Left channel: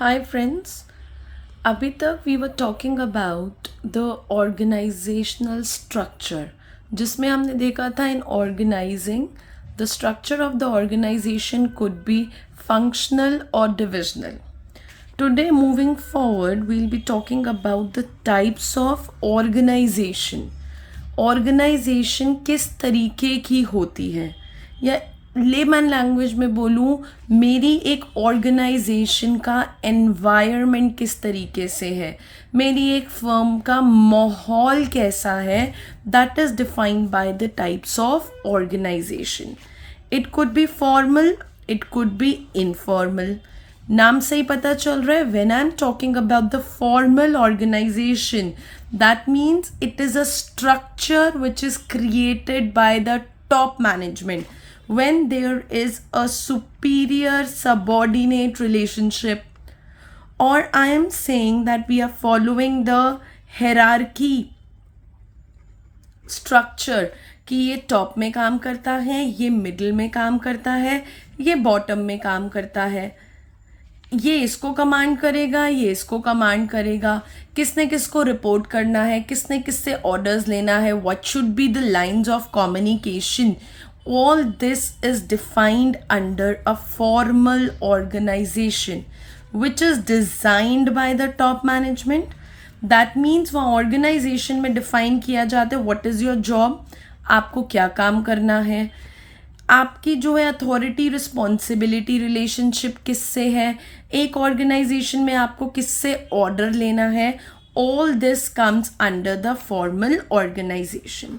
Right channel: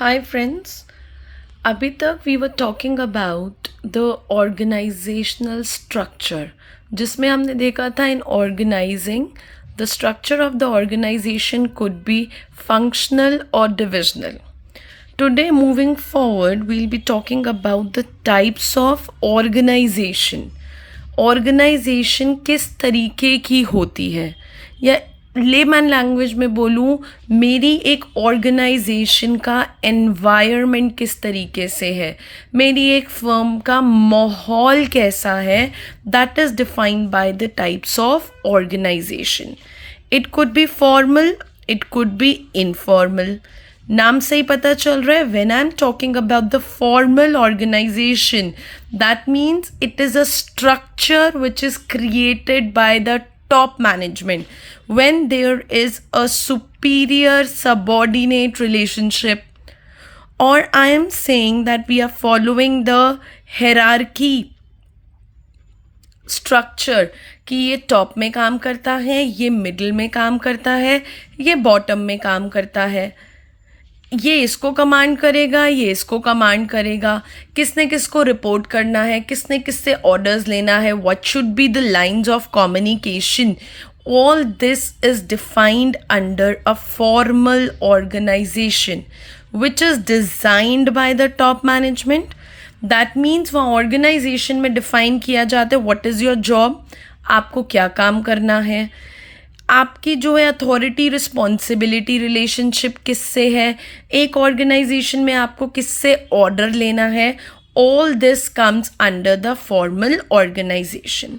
Hi friends, अभी तक we were talking about the organizational structure जिसमें हमने देखा था in organizing the structure of the organization could be functional और divisional. Today moving forward we'll be talking about the types of organization. Organization किस तरीके की होती है या लेमैन लैंग्वेज में बोलूँ मेरी एक ऑर्गेनाइजेशन का एनवायरनमेंट किस तरीके से है, मेरी एक फर्म का माहौल कैसा है, that is defined by the types of organization. It could be formal, it could be informal. नाम से ही पता चल रहा है when I am talking about the formal organization that means it is a structure which is created by the top management when there is a superior subordinate relationship, or I am saying that we are following the hierarchy structure कि ये top में काम करता है, ये middle में काम करता है, ये बॉटम में काम करता है, ये इसको कमांड करेगा, ये इसको कमांड करेगा, किसने किसको रिपोर्ट करना है, किसने किससे ऑर्डर्स लेना है, what should be the lines of communication. All this is defined under a formal organization which is designed by the top management. That means वहाँ ऑर्गेनाइजेशन में डिफाइन किया जाता है व्हाट इज़ योर जॉब, आपको क्या काम करना है, आपकी जो है अथॉरिटी रिस्पॉन्सिबिलिटी रिलेशनशिप किससे है, एक ऑर्गेनाइजेशन में आपको किससे ऑर्डर लेना है. All this comes under the formal organization.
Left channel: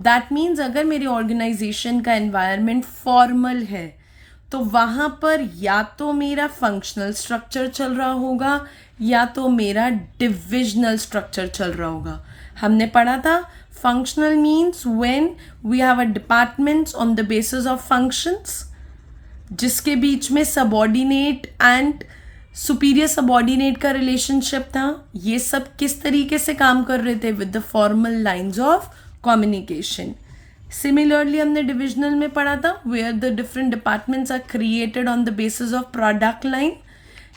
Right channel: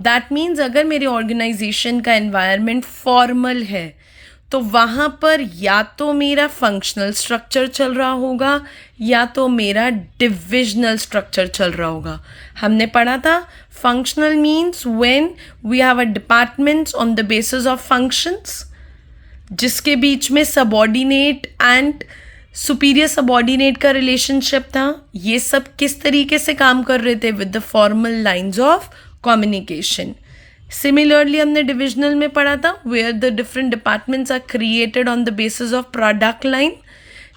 That means अगर मेरे ऑर्गेनाइजेशन का एनवायरनमेंट फॉर्मल है तो वहाँ पर या तो मेरा फंक्शनल स्ट्रक्चर चल रहा होगा या तो मेरा डिविजनल स्ट्रक्चर चल रहा होगा. हमने पढ़ा था functional means when we have a departments on the basis of functions जिसके बीच में subordinate and superior subordinate का relationship था. ये सब किस तरीके से काम कर रहे थे with the formal lines of communication. Similarly हमने divisional में पढ़ा था where the different departments are created on the basis of product line.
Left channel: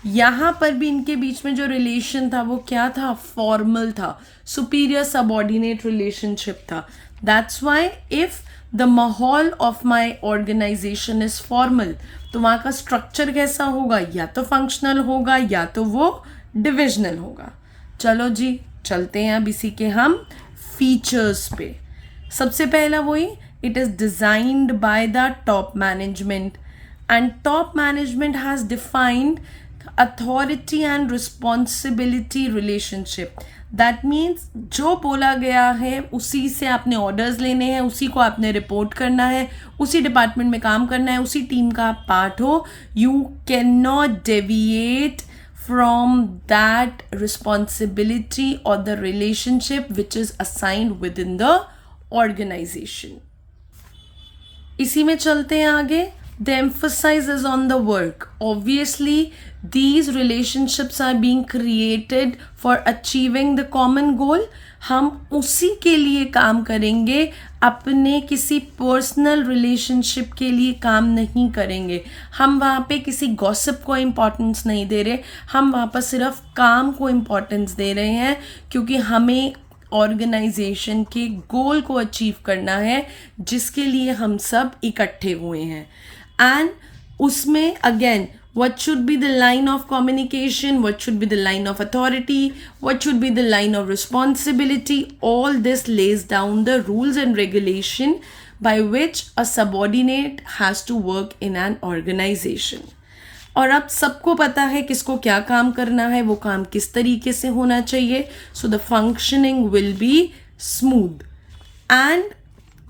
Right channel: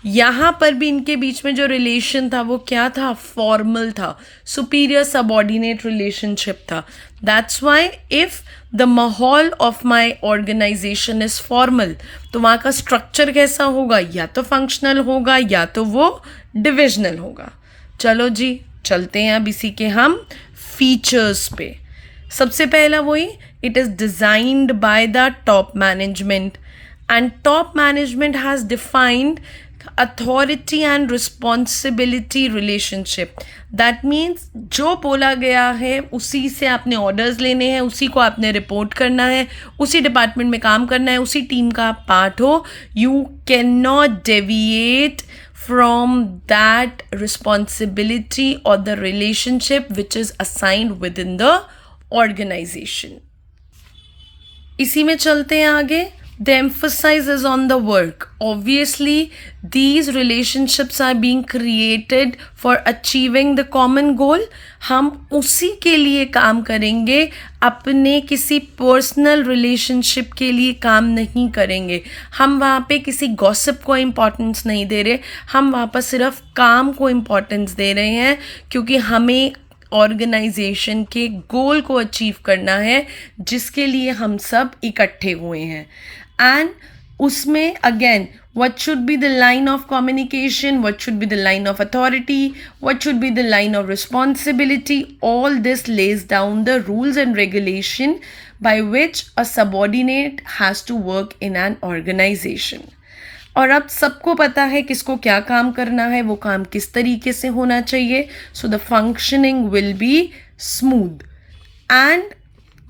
यहाँ पर भी इनके बीच में जो रिलेशन था वो क्या था, फॉर्मल था, सुपीरियर सबॉर्डिनेट रिलेशनशिप था. दैट्स वाई इफ द माहौल of my organization is formal तो वहाँ का स्ट्रक्चर कैसा होगा, या तो फंक्शनल होगा या तो वो डिविजनल होगा. चलो जी चलते हैं अब इसी के हम फीचर्स पे. सबसे पहला वही, it is designed by the top management and top management has defined authority and responsibility relationship. That means जो बोला गया है उसी से आपने ऑर्डर्स लेने हैं, उसी को आपने रिपोर्ट करना है, उसी डिपार्टमेंट में काम करना है, उसी टीम का आप पार्ट हो. You can not deviate from that responsibility or the relationship which is assigned within the organization. इसी में चलते हैं आगे. The emphasis is on the work. Obviously, these relationships are being created for achieving the common goal. हम उसी के लिए काम करेंगे, अपने किसी पर्सनल रिलेशनशिप के लिए काम नहीं करेंगे. हम वहाँ पे किसी गॉसिप को इम्पोर्टेंस नहीं दे रहे, हम वहाँ पर सिर्फ काम को इम्पोर्टेंस दे रहे हैं क्योंकि हमें ऑर्गेनाइजेशन के गोल को अचीव करना है जिसके लिए हम सब इकट्ठे हुए हैं. एंड उसमें again what should be the line of communication, what should be the line of authority, what should be the line of responsibility, all this lays down the rules and regulation by which a subordinate has to work in an organization. और अब सबको पता है किसको क्या काम करना है, वो काम किस तरीके से होना चाहिए. So the functioning will be smooth and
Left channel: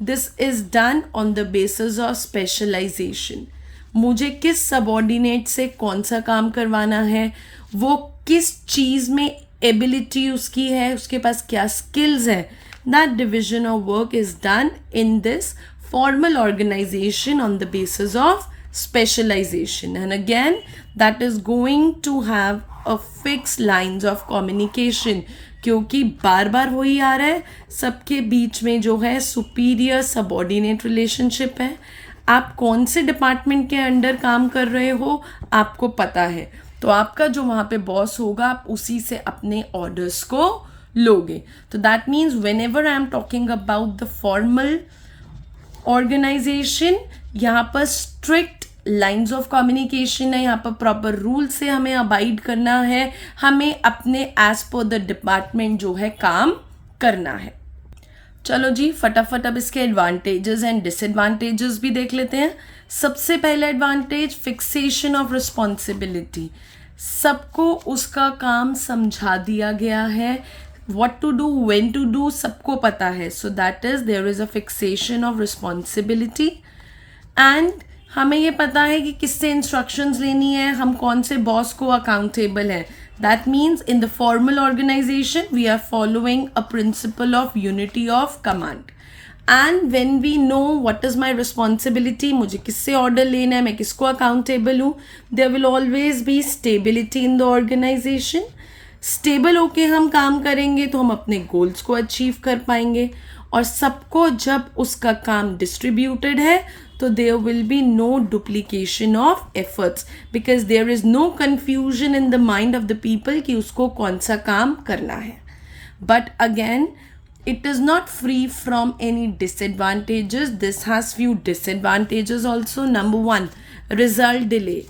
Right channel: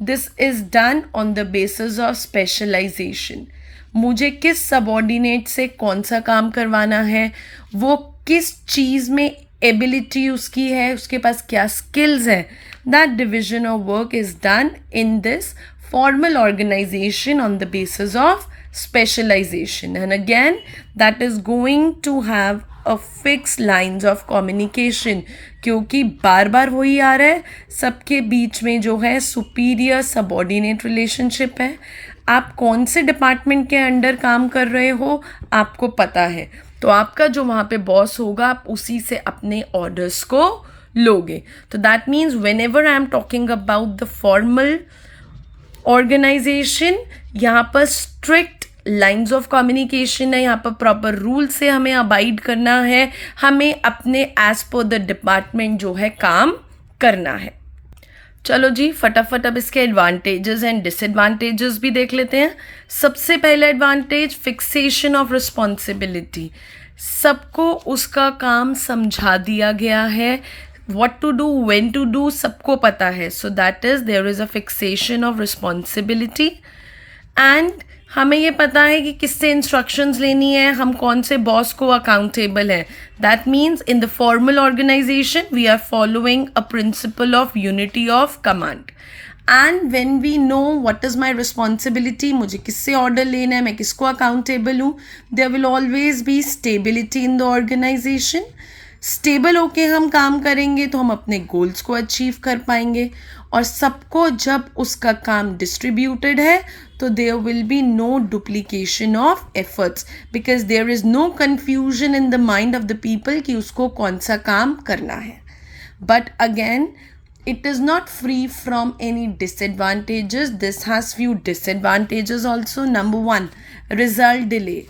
this is done on the basis of specialization. मुझे किस सबॉर्डिनेट से कौन सा काम करवाना है, वो किस चीज़ में एबिलिटी उसकी है, उसके पास क्या स्किल्स है. That division of work is done in this formal organization on the basis of specialization, and again that is going to have a fixed lines of communication क्योंकि बार बार वही आ रहा है, सबके बीच में जो है सुपीरियर सबॉर्डिनेट रिलेशनशिप है. आप कौन से डिपार्टमेंट के अंडर काम कर रहे हो आपको पता है, तो आपका जो वहाँ पे बॉस होगा आप उसी से अपने ऑर्डर्स को लोगे. तो that means whenever I am talking about the formal organization, यहाँ पर स्ट्रिक्ट लाइंस ऑफ कम्युनिकेशन है, यहाँ पर प्रॉपर रूल से हमें अबाइड करना है, हमें अपने एज पर द डिपार्टमेंट जो है काम करना है. चलो जी फटाफट अब इसके एडवांटेजेस एंड डिसएडवांटेजेस भी देख लेते हैं. सबसे पहला एडवांटेज, फिक्सेशन ऑफ रिस्पॉन्सिबिलिटी. सबको उसका काम समझा दिया गया है, what to do, when to do सबको पता है. So that is there is a fixation of responsibility and हमें ये पता है कि किससे इंस्ट्रक्शंस लेनी है, हम कौन से बॉस को अकाउंटेबल हैं. That means in the formal organization we are following a principle of unity of command. And when we know what is my responsibility, मुझे किससे ऑर्डर लेना है, मैं किसको अकाउंटेबल हूँ, there will always be stability in the organization. Stable होके हम काम करेंगे तो हम अपने गोल्स को अचीव कर पाएंगे. और सबको जब उसका काम डिस्ट्रीब्यूटेड है तो there will be no duplication of efforts because there is no confusion in the mind of the people कि उसको कौन सा काम करना है. But again it is not free from any disadvantages. This has few disadvantages also. Number 1, result delay.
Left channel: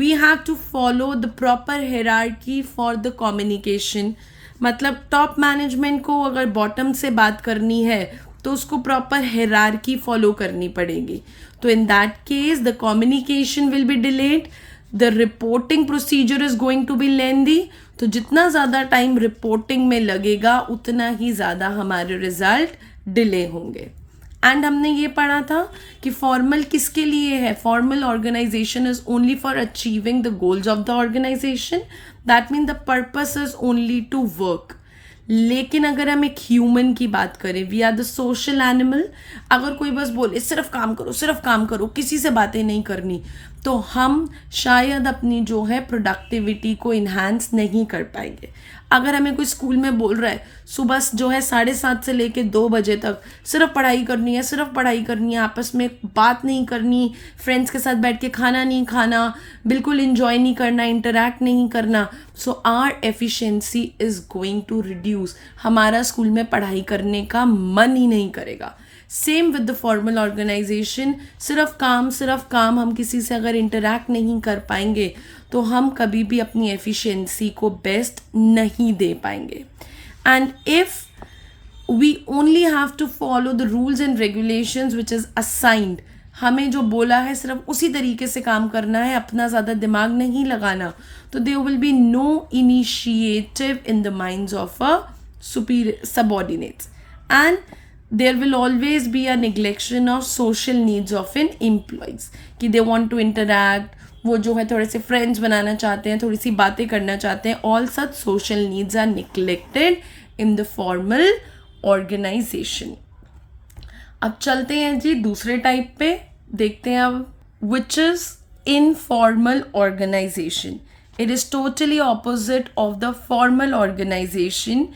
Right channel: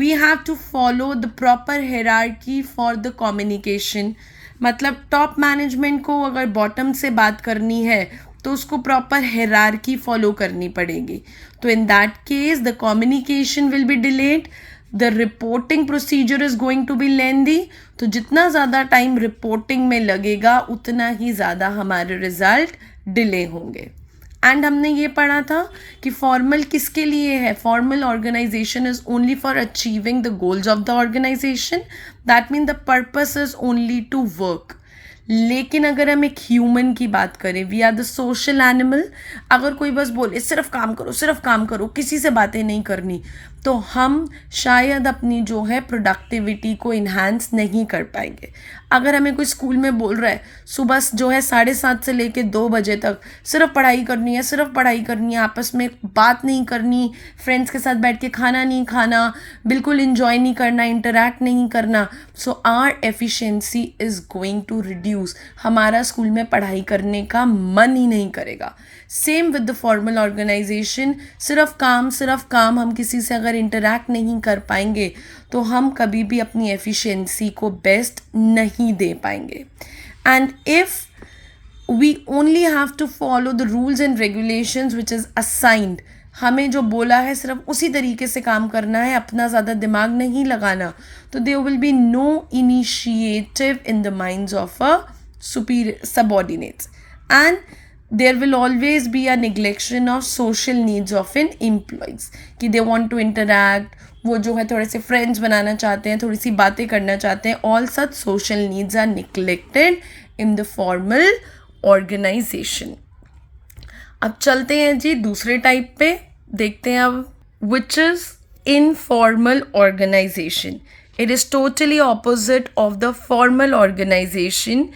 We have to follow the proper hierarchy for the communication. मतलब top management को अगर बॉटम से बात करनी है तो उसको प्रॉपर हायरार्की फॉलो करनी पड़ेगी. तो in that case the communication will be delayed, the reporting procedure is going to be lengthy. तो जितना ज़्यादा टाइम रिपोर्टिंग में लगेगा उतना ही ज़्यादा हमारे रिजल्ट डिले होंगे. एंड हमने ये पढ़ा था कि फॉर्मल किसके लिए है. Formal organization is only for achieving the goals of the organization. That mean the purpose is only to work. लेकिन अगर हम एक ह्यूमन की बात करें, we are the social animal. अगर कोई बस बोले सिर्फ काम करो किसी से बातें नहीं करनी, तो हम शायद अपनी जो है प्रोडक्टिविटी को इन्हांस नहीं कर पाएंगे. अगर हमें कोई स्कूल में बोल रहा है सुबह जो है 7:30 से लेके 2 बजे तक सिर्फ पढ़ाई करनी है, आपस में बात नहीं करनी, फ्रेंड्स के साथ बैठ के खाना नहीं खाना, बिल्कुल इंजॉय नहीं करना, इंटरैक्ट नहीं करना, so our efficiency is going to reduce. हमारा स्कूल में पढ़ाई करने का मन ही नहीं करेगा. Same with the formal organization. सिर्फ काम, हम किसी से अगर इंटरैक्ट नहीं कर पाएंगे तो हम कभी भी अपनी एफिशिएंसी को बेस्ट नहीं दे पाएंगे. And if we only have to follow the rules and regulations which is assigned, हमें जो बोला है सिर्फ उसी तरीके से काम करना है, अपना ज़्यादा दिमाग नहीं लगाना, तो there will be no initiative in the minds of a superior subordinates. And there will always be a neglection of social needs of an employees कि they want to interact, वो जो है थोड़े से फ्रेंड्स बनाना चाहते हैं, थोड़ी सी बातें करना चाहते हैं. all such social needs are neglected in the formal organization. अब चलते हैं जी दूसरे टाइप पे, देखते हैं अब, which is informal organization. It is totally opposite of the formal organization.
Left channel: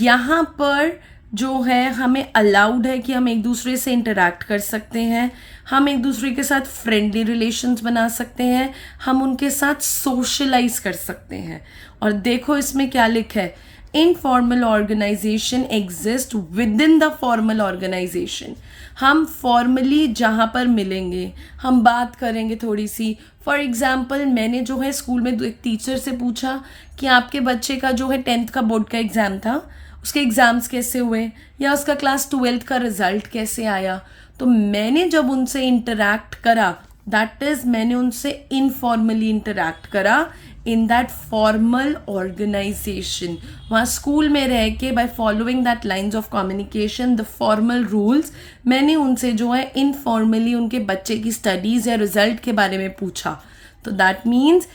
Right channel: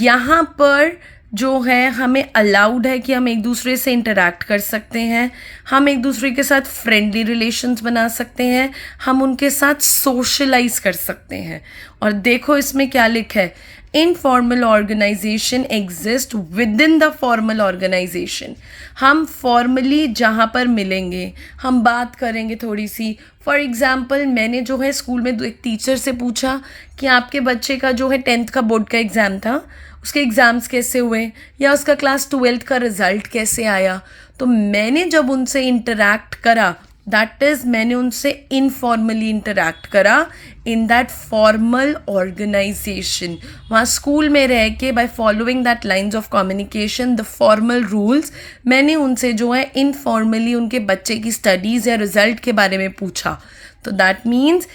यहाँ पर जो है हमें अलाउड है कि हम एक दूसरे से इंटरैक्ट कर सकते हैं, हम एक दूसरे के साथ फ्रेंडली रिलेशंस बना सकते हैं, हम उनके साथ सोशलाइज कर सकते हैं. और देखो इसमें क्या लिखा है, informal organization exist within the formal organization. हम फॉर्मली जहाँ पर मिलेंगे, हम बात करेंगे थोड़ी सी. फॉर एग्जाम्पल मैंने जो है स्कूल में एक टीचर से पूछा कि आपके बच्चे का जो है 10th का बोर्ड का एग्ज़ाम था, उसके एग्ज़ाम्स कैसे हुए, या उसका क्लास 12th का रिज़ल्ट कैसे आया. तो मैंने जब उनसे इंटरैक्ट करा, दैट इज़ मैंने उनसे इनफॉर्मली इंटरैक्ट करा इन दैट फॉर्मल ऑर्गेनाइजेशन. वहाँ स्कूल में रह के by following that lines of communication, the formal rules, मैंने उनसे जो है इनफॉर्मली उनके बच्चे की स्टडीज़ या रिज़ल्ट के बारे में पूछा. तो that means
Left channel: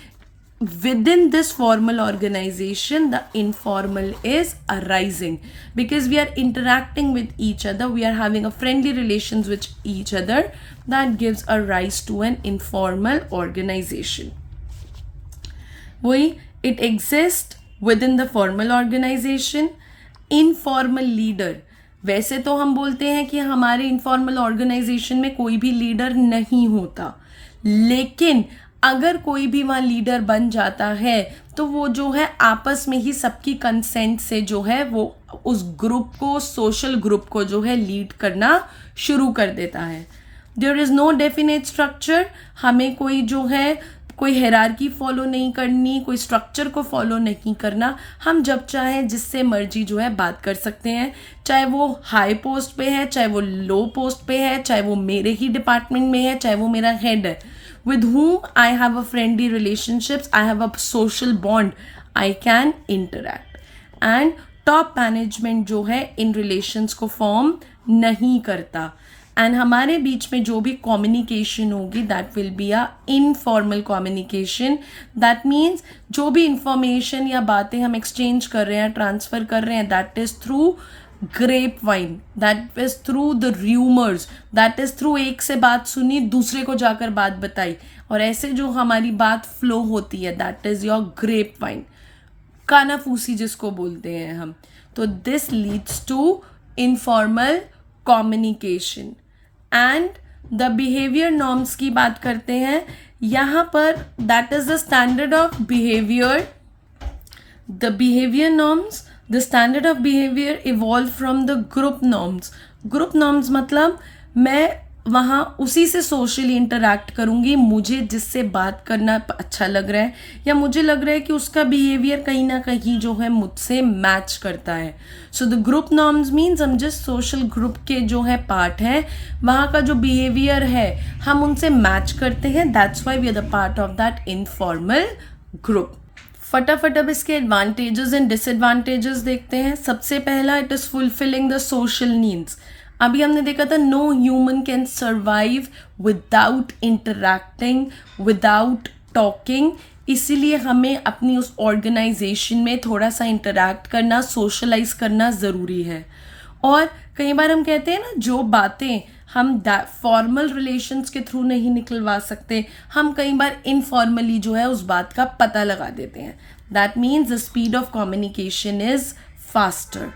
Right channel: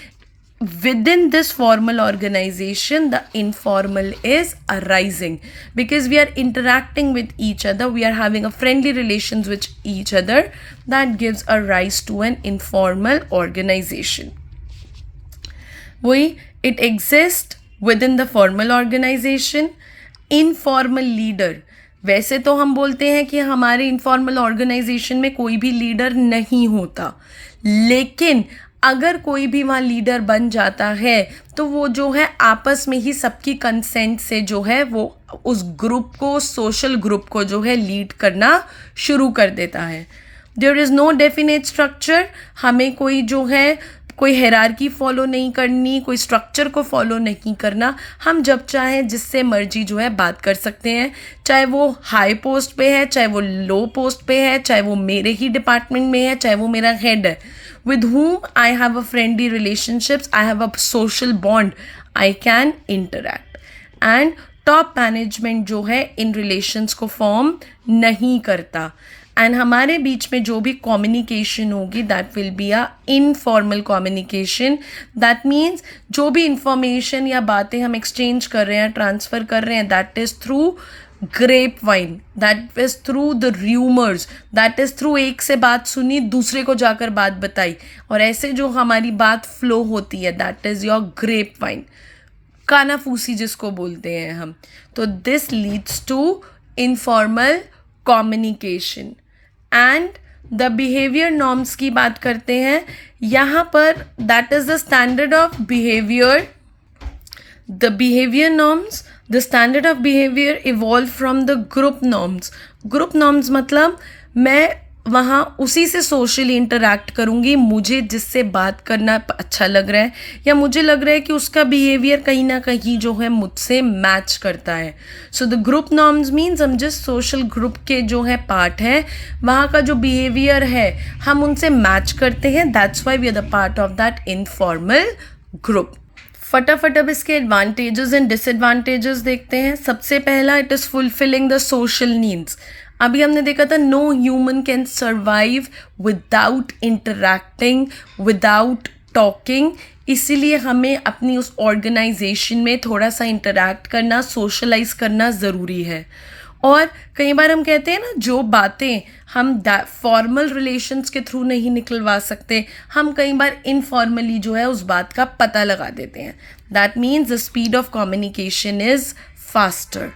within this formal organization the informal is arising because we are interacting with each other, we are having a friendly relations with each other. That gives a rise to an informal organization. वही it exists within the formal organization. Informal leader, वैसे तो हम बोलते हैं कि हमारे informal organisation में कोई भी लीडर नहीं होता, लेकिन अगर कोई भी वहाँ लीडर बन जाता है तो वो जो है आपस में ही सबकी कंसेंट से जो है वो उस ग्रुप को, सोशल ग्रुप को जो है लीड करना शुरू कर देता है. There is no definite structure. हमें कोई जो है कोई हायरार्की फॉलो नहीं करनी, कोई स्ट्रक्चर को फॉलो नहीं करना. हम जब चाहें जिससे मर्जी जो है बात कर सकते हैं, चाहे वो हाई पोस्ट पे है, चाहे वो लो पोस्ट पे है, चाहे वो मेरे ही डिपार्टमेंट में है, चाहे वो मेरा हेड है. With whom I have a friendly relationships, I have a social bond, I can interact. And top management जो है इन relations को form नहीं करता. And हमारे बीच में जो भी communication होगी that will be a informal communication. That means जो भी information या बातें हम exchange कर रहे हैं, transfer कर रहे हैं, that is through grapevine, that is through the rumors, that is through एक से बात सुनी दूसरे को जाकर बात बताई, और ऐसे जो हमारी बात फ्लो होती है that is your grapevine, कानाफूसी जिसको बोलते हैं हम. तो this leads to informal communication. and the behavior norms की बात करते हैं यहाँ पर. that is the standard of behavior. The behavior norms, the standard of behavior evolved from the group norms. Group norms मतलब मैं वहाँ उसी से सोशली इंटरैक्ट करूँगी मुझे जिससे बात करना अच्छा लग रहा है, या मुझे लग रहा है कि उसका बिहेवियर कहीं ना कहीं जो है मुझसे मैच करता है. So the group norms means हम जिस सोशल ग्रुप के जो है पार्ट हैं वहाँ का जो बिहेवियर है हम उनसे मैच करते हैं. That's why we are the part of that informal group. फटाफट अब इसके एडवांटेजेस एंड डिसएडवांटेजेस देखते हैं. सबसे पहला, it is fulfilling the social needs. अभी हमने देखा था no human can survive without interacting, without talking. इसीलिए हमें अपनी उस ऑर्गेनाइजेशन में थोड़ा सा इंटरैक्ट करना, सोशलाइज करना ज़रूरी है. और कई बार हम कहते हैं ना जो बातें हम फॉर्मल रिलेशंस के थ्रू नहीं निकलवा सकते, हम कई बार इनफॉर्मली जो है उस बात का पता लगा देते हैं. That means the speed of communication is faster.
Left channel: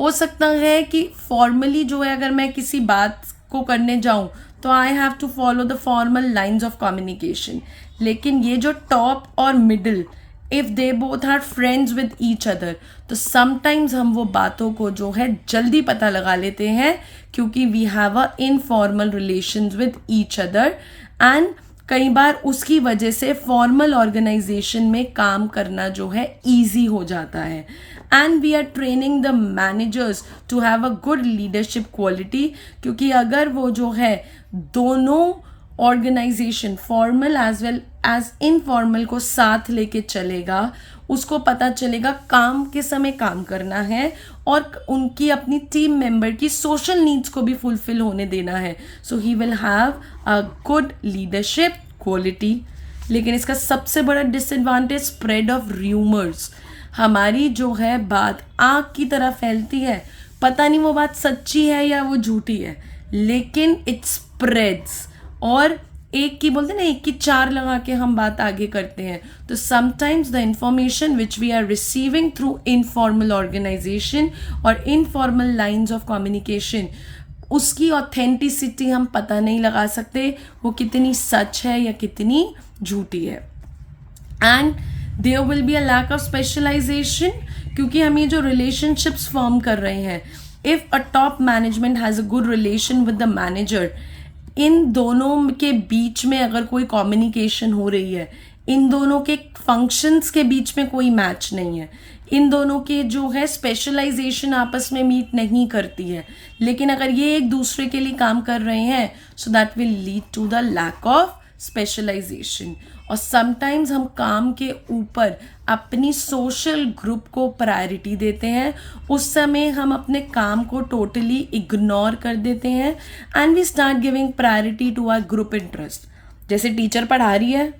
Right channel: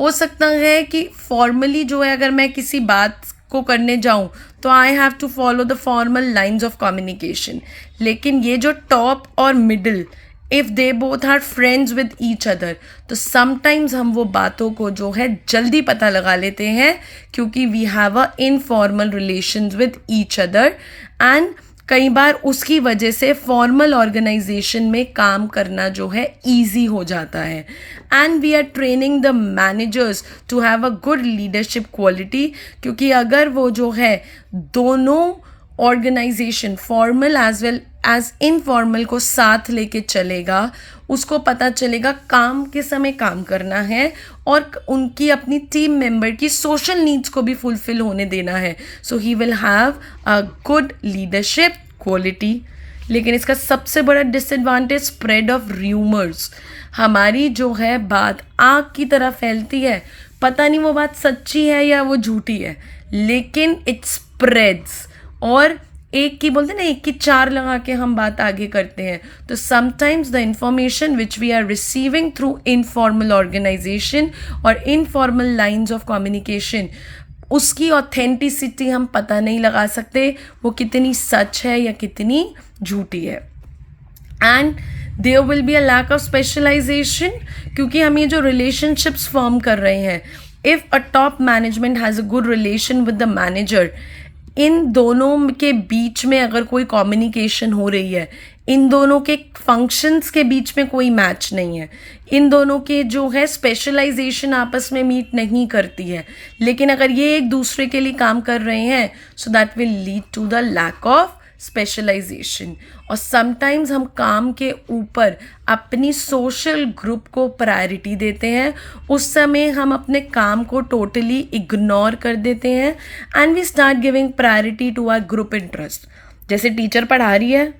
हो सकता है कि फॉर्मली जो है अगर मैं किसी बात को करने जाऊं तो I have to follow the formal lines of communication. लेकिन ये जो टॉप और middle, if they both are friends with each other, तो समटाइम्स हम वो बातों को जो है जल्दी पता लगा लेते हैं क्योंकि we have a informal relations with each other. And कई बार उसकी वजह से फॉर्मल ऑर्गेनाइजेशन में काम करना जो है ईजी हो जाता है. And we are training the managers to have a good leadership quality, क्योंकि अगर वो जो है दोनों organization formal as well as informal को साथ लेके चलेगा, उसको पता चलेगा काम के समय काम करना है और उनकी अपनी टीम मेंबर की सोशल नीड्स को भी फुलफिल होने देना है. So he will have a good leadership quality. लेकिन इसका सबसे बड़ा डिसएडवांटेज स्प्रेड ऑफ र्यूमर्स. हमारी जो है बात आग की तरह फैलती है, पता नहीं वो बात सच्ची है या वो झूठी है, लेकिन इट स्प्रेड्स. और एक की बोलते ना, एक की चार लगा के हम बात आगे करते हैं. तो sometimes the information which we are receiving through informal organization और इनफॉर्मल लाइंस ऑफ कम्युनिकेशन, उसकी ऑथेंटिसिटी हम पता नहीं लगा सकते, वो कितनी सच है या कितनी झूठी है. And there will be a lack of specialisation, क्योंकि हम ये जो रिलेशनशिप्स फॉर्म कर रहे हैं, if a top management has a good relation with the manager, इन दोनों के बीच में अगर कोई कम्युनिकेशन हो रही है, इन दोनों के फंक्शंस के बीच में कोई मैच नहीं है, इन दोनों के जो है स्पेशलाइजेशन आपस में मीट नहीं करती है, लेकिन अगर ये एक दूसरे के लिए काम कर रहे हैं, so that will lead to the lack of specialization. और समटाइम्स हम काम के ऊपर अपनी सोशल ग्रुप को प्रायोरिटी देते हैं, उस समय हम अपने काम को टोटली इग्नोर कर देते हैं. And we start giving priority to our group interest. जैसे टीचर पढ़ा रही है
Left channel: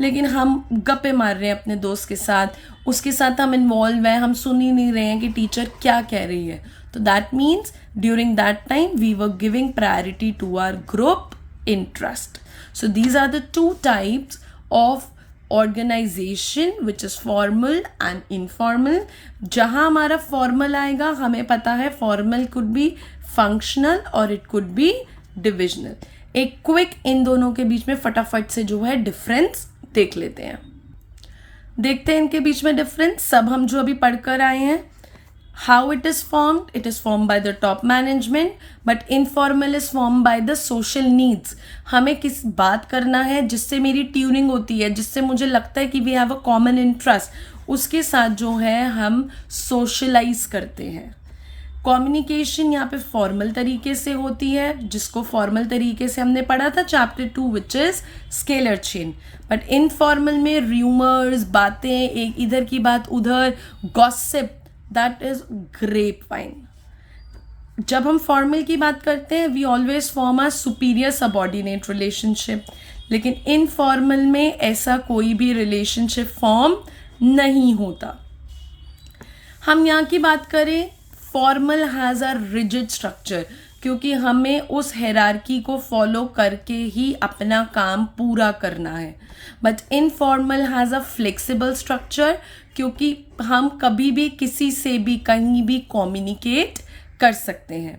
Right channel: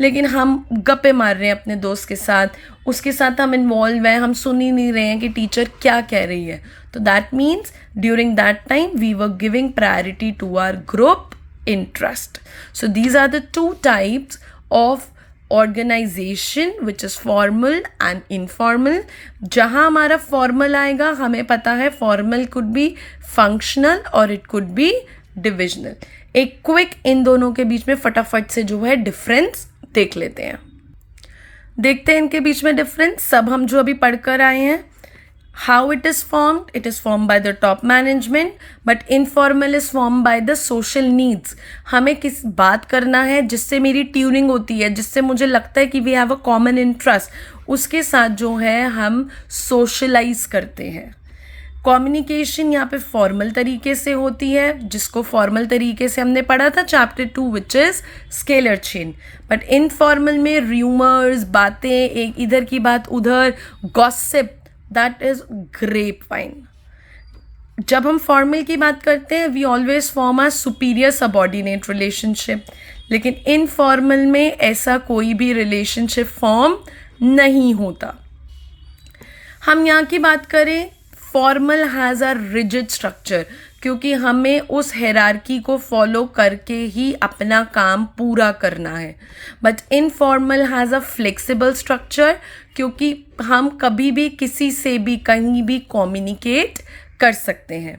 लेकिन हम गप्पे मार रहे हैं अपने दोस्त के साथ, उसके साथ हम इन्वॉल्व हैं, हम सुन ही नहीं रहे हैं कि टीचर क्या कह रही है. तो that means during that time we were giving priority to our group interest. So these are the two types of organization which is formal and informal. जहाँ हमारा formal आएगा हमें पता है formal could be functional or it could be divisional. एक quick in दोनों के बीच में फटाफट से जो है डिफरेंस देख लेते हैं। देखते हैं इनके बीच में डिफरेंस। सब हम जो अभी पढ़कर आए हैं, how it is formed by the top management, but informal is formed by the social needs। हमें किस बात करना है जिससे मेरी ट्यूनिंग होती है, जिससे मुझे लगता है कि we have a common interest, उसके साथ जो है हम सोशलाइज करते हैं। कम्युनिकेशन यहाँ पे फॉर्मल तरीके से होती है, जिसको फॉर्मल तरीके से हमने पढ़ा था chapter 2 which is scalar chain. But informal में र्यूमर्स, बातें, एक इधर की बात उधर, gossip, that is grapevine. जब हम फॉर्मल की बात करते हैं we always form a superior subordinate relationship, लेकिन इनफॉर्मल में ऐसा कोई भी रिलेशनशिप फॉर्म नहीं होता। हम यहाँ की बात करें, formal has a rigid structure, क्योंकि हमें उस हायरार्की को फॉलो करके ही अपना काम पूरा करना है। But informal has a flexible structure, क्योंकि हम कभी भी किसी से भी कहीं भी कम्युनिकेट कर सकते हैं।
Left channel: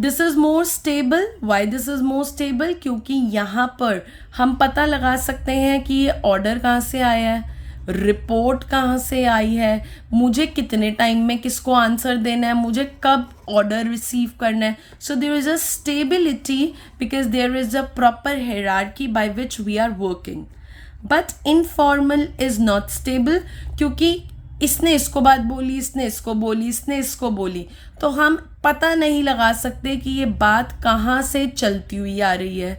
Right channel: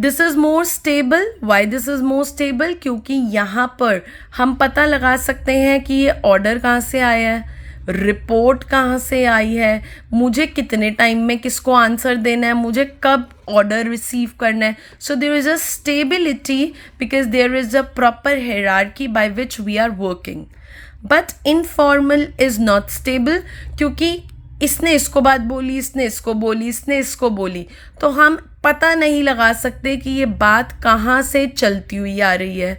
This is more stable. Why this is more stable? क्योंकि यहाँ पर हम पता लगा सकते हैं कि ये ऑर्डर कहाँ से आया है, रिपोर्ट कहाँ से आई है, मुझे कितने टाइम में किसको आंसर देना है, मुझे कब ऑर्डर रिसीव करना है। So there is a stability because there is a proper hierarchy by which we are working. But informal is not stable, क्योंकि इसने इसको बात बोली, इसने इसको बोली, इसने इसको बोली, तो हम पता नहीं लगा सकते कि ये बात कहाँ से चलती हुई आ रही है।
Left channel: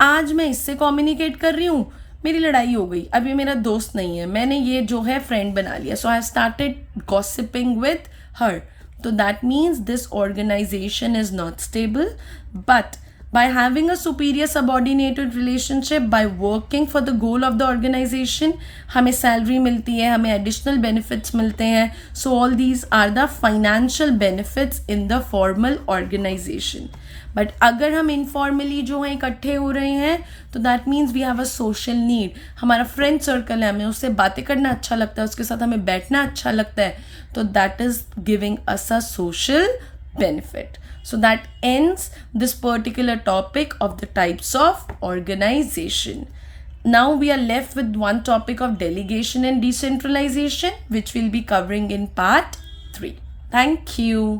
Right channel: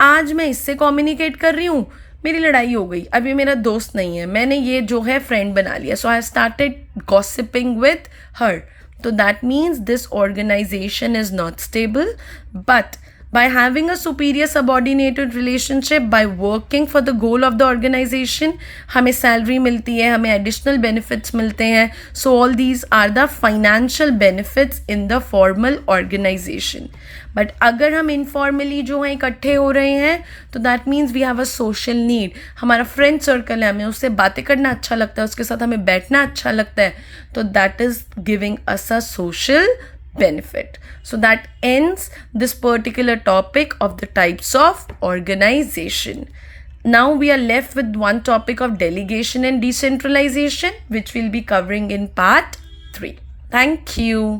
आज मैं इससे कम्युनिकेट कर रही हूँ, मेरी लड़ाई हो गई, अब ये मेरा दोस्त नहीं है, मैंने ये जो है फ्रेंड बना लिया, so I started gossiping with her. तो that means this organization is not stable. But by having a superior subordinated relationship, by working for the goal of the organization, हमें सैलरी मिलती है, हमें एडिशनल बेनिफिट्स मिलते हैं। So all these are the financial benefits in the formal organization. But अगर हम informally जो है इकट्ठे हो रहे हैं तो that means we have a social need. हमारा फ्रेंड सर्कल है, हमें उससे बातें करना अच्छा लगता है, उसके साथ हमें बैठना अच्छा लगता है, तो that is giving us a social benefit. So that ends this particular topic of the types of organization. Now we are left with one topic of delegation and decentralization, which we'll be covering in part 3. Thank you.